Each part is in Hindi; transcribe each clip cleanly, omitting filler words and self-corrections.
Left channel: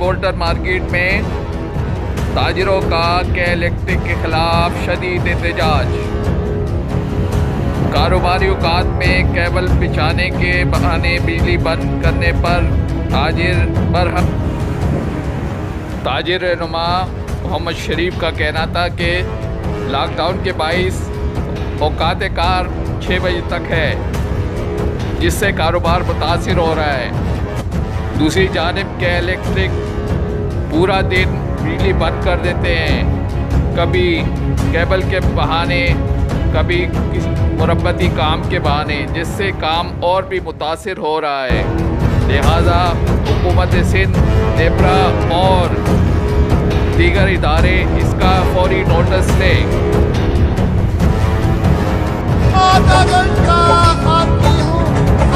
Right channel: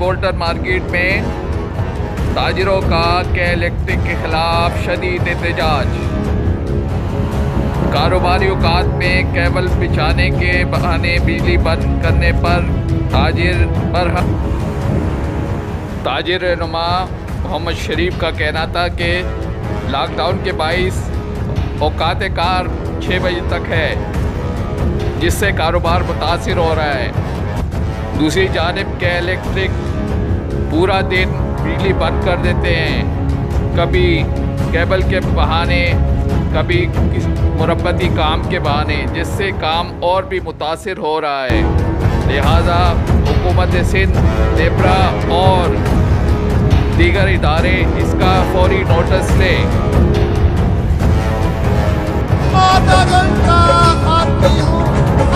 गोल्डन मार्केट में ताजिरों का के इलेक्ट्रिक के खिलाफ शदीद एहतजाज। कारोबारी औकात में केबल बिछाने के बहाने बिजली बंद करने पर ताजिर रहनुमा मोहम्मद शरीफ का कहना था कि लॉकडाउन के बाइस औकात कार 6 बजे तक है, जिससे कारोबार मुतासिर हो रहा है। दूसरी जानिब के इलेक्ट्रिक पूरा दिन बिजली बंद कर देते हैं, कभी केबल के बहाने, कभी मुरब्बती काम के बहाने, जिससे काम और भी मुतासिर हो रहा है। लिहाजा हुकूमत सिंध, नेपरा और दीगर इदारे इसका फौरी नोटिस लें। आधा घंटा आती हूँ,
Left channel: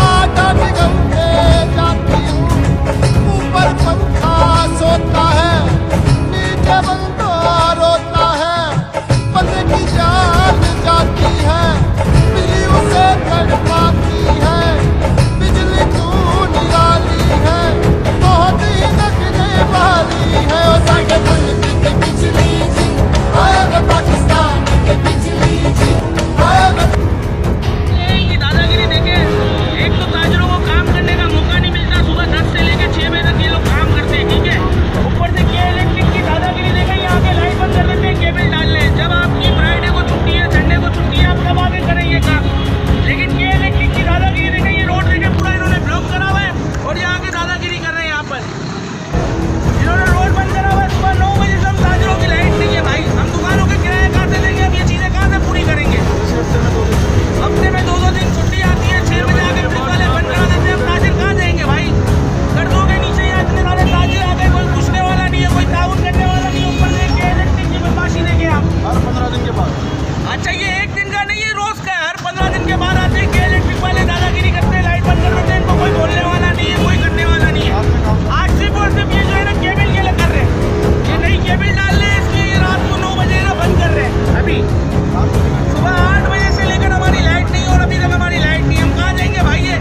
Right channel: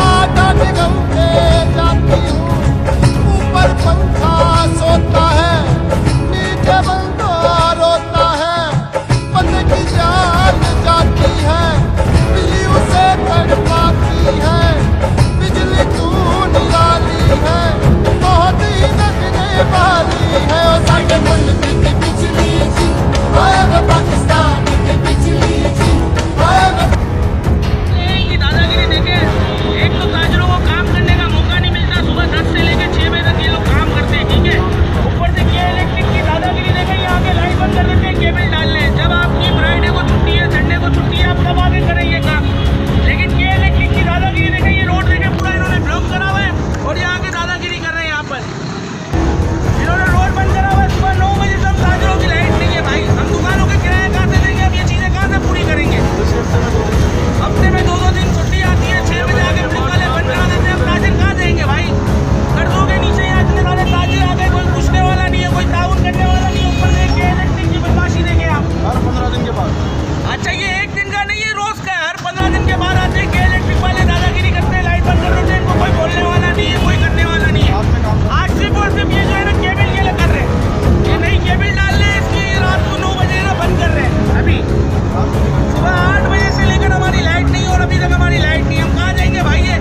आधा घंटे जाती हूँ, ऊपर पंखा सोता है, नीचे बंदा रोता है, बंदे की जान जाती है, बिजली उसे तड़पाती है, बिजली तू निराली है, बहुत ही लगने वाली है। और साढ़े मुल्क की बिजली जी, आएगा पाकिस्तान की बिजली जी, आएगा। दादागिरी देखे, एक तो ताजिरों को काम करने का मौका नहीं मिलता, सुबह 10 से लेकर 6 बजे तक ये लोग काम करते हैं, ठीक है। ऊपर से के इलेक्ट्रिक की दादागिरी देखे, यहाँ के लाइट बंद कर देते हैं, केबल डालने। जब आपकी फ्राइडे को छुट्टी है, संडे को छुट्टी है, आप तब आगे करें ये काम। लेकिन के इलेक्ट्रिक की दादागिरी देखे, ये रोड देखे पूरा इन्होंने ब्लॉक करा हुआ है और यहाँ के दादागिरी कर रहे हैं। यहाँ पर इन्होंने रोड बंद करा हुआ है, सुबह 9 बजे से हम ताजिरों की लाइट नहीं है भाई। हम दुकानों के किराया कहाँ से देंगे, अब ये चीज़ें कहाँ से पूरी करेंगे। हफ्ते में 2-2 दिन छुट्टी आती है, 6 बजे आके पुलिस वाले बंद करा देते हैं। हम ताजिर कहाँ जाएंगे भाई। कर्जों के नीचे यहाँ इतने सारे ताजिर आ गए, कोई पूछने वाला नहीं है, कोई ताउन करने वाला नहीं है। ऊपर से के इलेक्ट्रिक की बदमाशी देखें आप, हर 15 दिन के बाद। अच्छा ये एक दिन का नहीं है, रोज का है। हर 15 दिन के बाद आते हैं के इलेक्ट्रिक वाले, दादागिरी करते हैं, लाइट बंद कर देते हैं। इनको कोई बोलने वाला नहीं है, कोई करने वाला नहीं है। आज सिर्फ और सिर्फ ये जो है ना केबल के लिए कर रहे हैं, ये नई केबल डाल रहे हैं, इसकी रात को 9 बजे ना बंद कर रहे हैं। अभी सुबह 8 बजे से लेकर हमारी लाइट नहीं, और अभी तक हमारी लाइट नहीं। हम कहाँ जाएंगे भाई, ये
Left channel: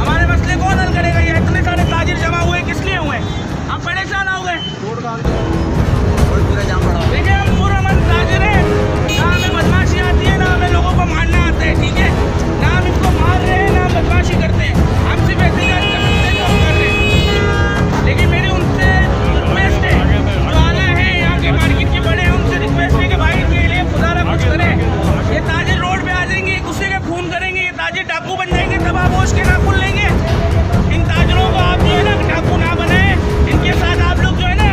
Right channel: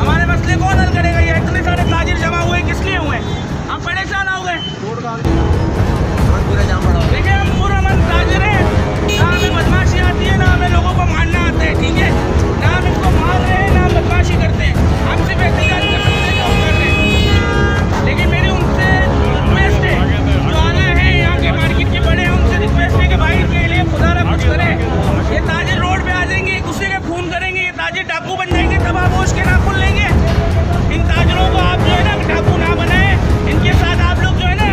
हमारे मसले कौन हल करेगा। ये इतने सारे ताजिर जमा हुए किस लिए हुए हैं, हम परेशान हो गए। देखिए हम पूरा मन ताजिर है, ना हमें बदमाशी आती है, ना हमें लोगों को मारना आता है, ठीक है। ना हम इसको मार रहे हैं, ना हम बदमाशी करते हैं। हम सिर्फ एहतियात कर सकते हैं जो हम कर रहे हैं। लेकिन मेरी उनसे रिक्वेस्ट है, जो आना है यहाँ के मार्केट के बड़े हैं, उनसे रिक्वेस्ट है कि भाई इनके लिए खुदा ना कुछ करें। ये ताजिर रोड पे आ जाएंगे, एक दूसरे का खून करेंगे, ये ताजिर डाकू बन जाएंगे, तब आप होश के नाखून लेंगे। इन ताजिरों को आप जो है ना डाकू ना बनाए, इनके साथ आप लोग जो है ना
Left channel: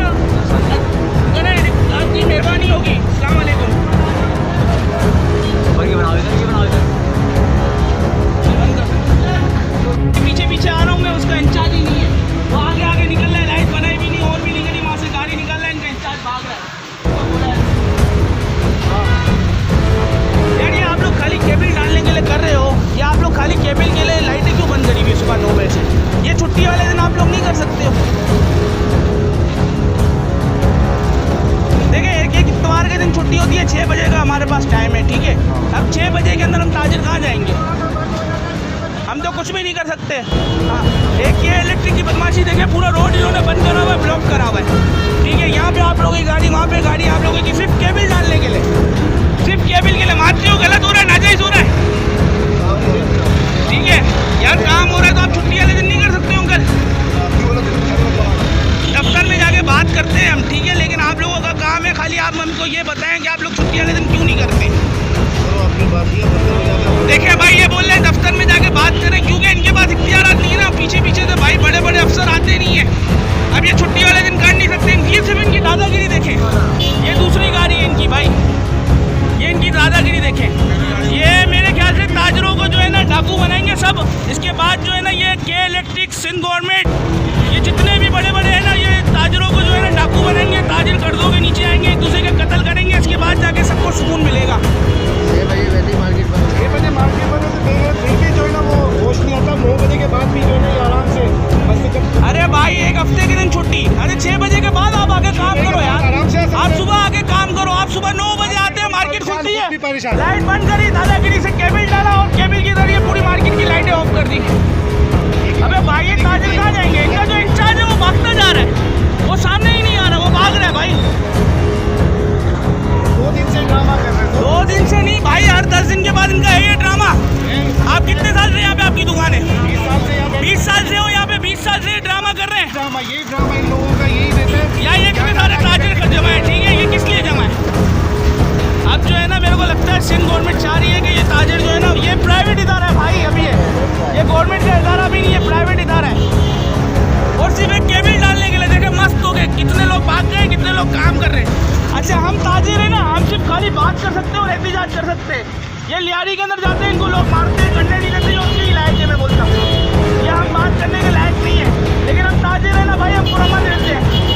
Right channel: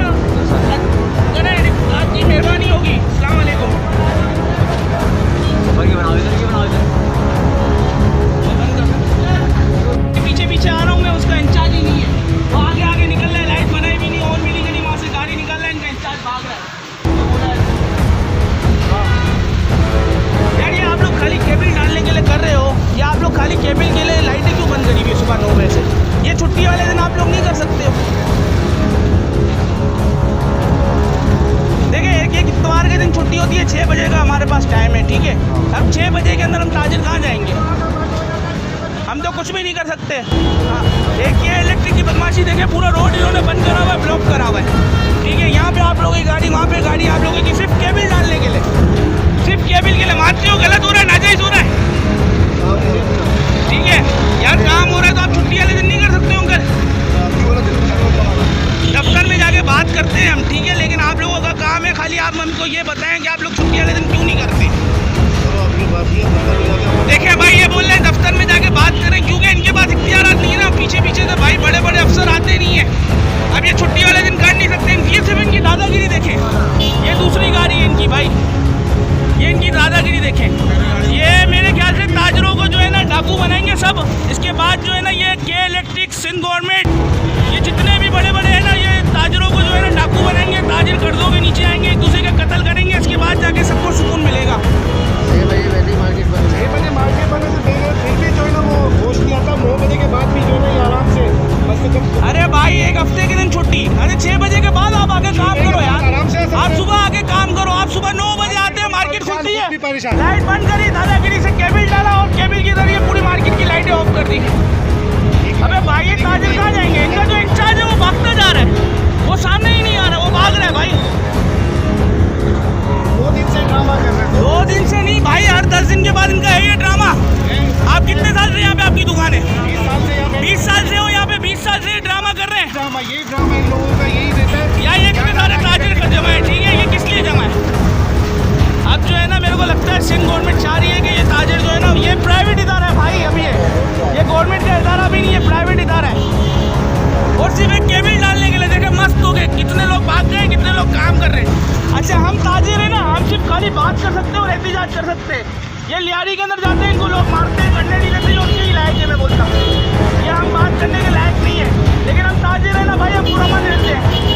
करें, आपकी मेहरबानी होगी। अस्सलाम वालेकुम। पीछे पीछे आ रहा हूँ मैं, उसका इंचार्ज ही नहीं है, वो आगे आगे निकल रहा है, लाइट बनाई भी नहीं, और भी नहीं गई, वहाँ से गाड़ी निकल रहा है, इनका इंचार्ज भाग रहा है। यार ये आप लोग खाली केबल डालने के लिए कर रहे हो, या आप लोग खाली केबल के लिए लाइटें क्यों बंद करी हुई है सुबह 9 बजे से। ये छुट्टी वाले दिन आप लोग नहीं कर सकते हो। देखिए एक इतवार के दिन छुट्टी होती है, 6 बजे का हमारे पास टाइम है, ठीक है। अब 6 बजे के अंदर हम ताजिर कहाँ जाएंगे, हम तो कुछ भी नहीं कर सकते। हाँ, एक ये इलेक्ट्रिक की बदमाशी देखे, पूरा रोड इन्होंने बंद करा हुआ है, ब्लॉक करा हुआ है, ठीक है। यहाँ पे आप लोगों की गाड़ी, वहाँ पे गाड़ी, आप लोगों की सिर्फ केबल डालने के लिए, सिर्फ केबल के लिए। मानते हो गलत हो रहा है, नाजायज़ हो रहा है, ठीक है। यार काम हो रहा है तो आप छुट्टी वाले दिन नहीं कर सकते होंगे। दफ्तर में जाके बात करते हैं हम, ठीक है, लेकिन आप लोगों का काम है खाली आप हमको ये बताएं कि आप लोग छुट्टी वाले दिन क्यों नहीं करते। देखिए भाई ये बोल रहे हैं दफ्तर में जाके बात करें, क्योंकि इनके पास इख्तियारात नहीं है ना। पीछे पीछे से भाई बड़े बड़े अफसर आते नहीं है, अब ये छुट्टी वाले दिन कर नहीं सकते। ये सिर्फ इनकी दादागिरी देखें, ये दूसरी गाड़ी है इनकी भाई, ये इनकी दादागिरी देखें। ये मेरे ख्याल से ताजिरों को जो है ना डाकू बनाएंगे सब। इसके बाद जो है ना ये के इलेक्ट्रिक, सिंध गवर्नमेंट, ये जितने भी बड़े बड़े हैं ना, ये ताजिरों को जो है ना डाकू बनाएंगे। ताजिर कर्जों के नीचे आएंगे, एक दूसरे के कत्ल करेंगे, इसके बाद जाके सबको सुकून मिलेगा। 6 बजे वैसे ही मार्केट बंद है, 6 बजे मार्केट बंद है, तो फिर भी जो है ना वो होश नहीं आता। 9 बजे के बाद भी जो है ना ये आराम से बस जब। अरे भाई एक हफ्ते के दिन छुट्टी, अरे 6 बजे के बाद आप आके काम करो यार, आराम से आप सुबह आके काम करो। आप सुबह 9 बजे आते हैं, मार्केट खुलती है, परेशान, लाइट बंद करी, दादागिरी से केबल डाला और केबल के जरिए पूरी मार्केट की लाइटें ऑफ कर दी। अबे भाई ये ताजिर कहाँ जाएंगे, इनका जो इंचार्ज है वो भागता जा रहा है। वो सामने ही नहीं आ रहा, वो भाग रहा है भाई। 2 दिन से ड्रामा कर रहे हो। 2 दिन से नहीं भाई, हर 10 दिन के बाद इनका है ये ड्रामा। आप कितने साल से यहाँ पे आपकी दुकान है? 20 साल से यहाँ पे 20 साल से हो यहाँ पे, 20 साल से ये ड्रामा कर रहे हैं। ड्रामा, यही ड्रामा इन लोगों का यही रहता है। या ये कितने सारे ताजिर का जमा है, ठीक है, ये किस लिए जमा है? अब जो है ना, मेरे को लगता है सिंध गवर्नमेंट चाह रही है कि ये ताजिर जो है ना, ये प्राइवेट इदारा है भाई। अभी ये गवर्नमेंट का इदारा भी नहीं है, प्राइवेट इदारा है। और सिर्फ एक केबल डालने के लिए देखे मस्त हो गए, कितने लोग भाग गए, कितने लोग काम कर रहे हैं। अच्छा, हम ताजिर है ना, हम सिर्फ खाली बात कर सकते हैं और एहतजाज कर सकते हैं। ये लियारी के अंदर जाते हैं, इनको लोग मारते हैं, करने नहीं देते, उसके लायक है, मैं बोलता हूँ। ये हम बात करने के लायक नहीं है, लेकिन हम ताजिर है ना भाई, हम पुरअमन रहते हैं।